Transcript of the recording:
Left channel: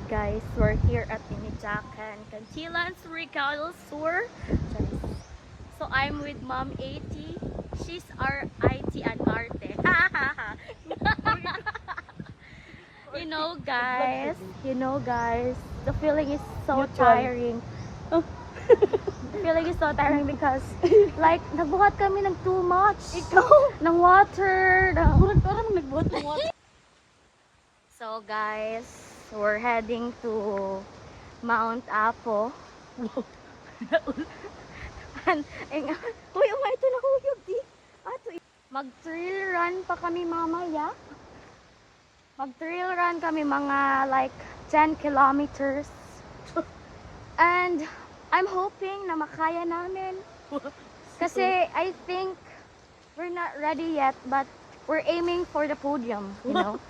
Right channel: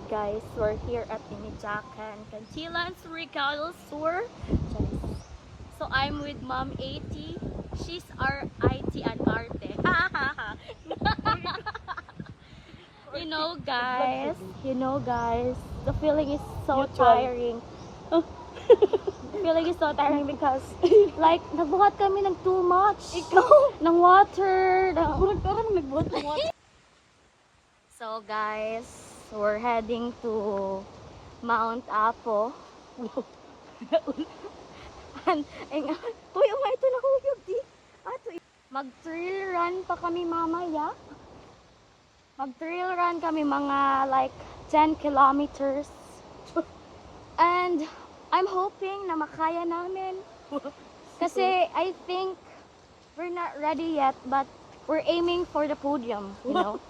Hi guys, we're here at the Jacan Cantilan Surigao Sur. So I'm with Mom 80. She's our IT and Arte. You know guys, the feeling is so tiring. The feeling is so tiring because like nagbuhat kami ng too much. Ng water. So guys, we're heading to Mount Apo. Uy, ito na huyog di. Mag-trail run pa kami mamaya. Mag-trail run kami mga like 10 kilometers. And I'm hoping na makaya namin. Kasi I think we're not ready yet, but we're aiming for the podium, you know.